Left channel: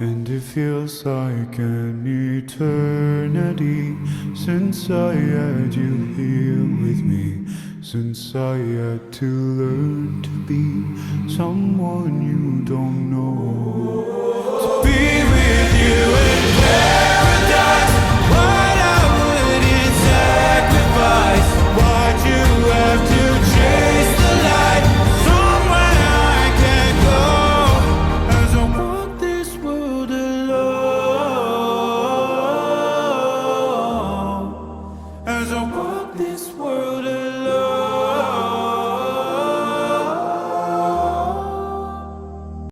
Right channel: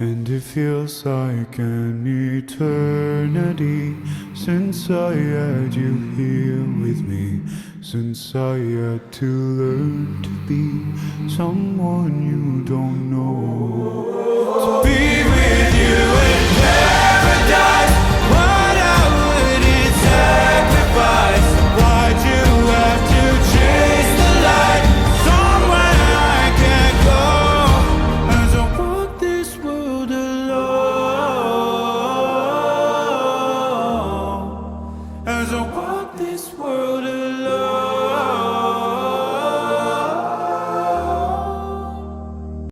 And it feels like an eternity since I had you here with me, since I had to learn to be someone you don't know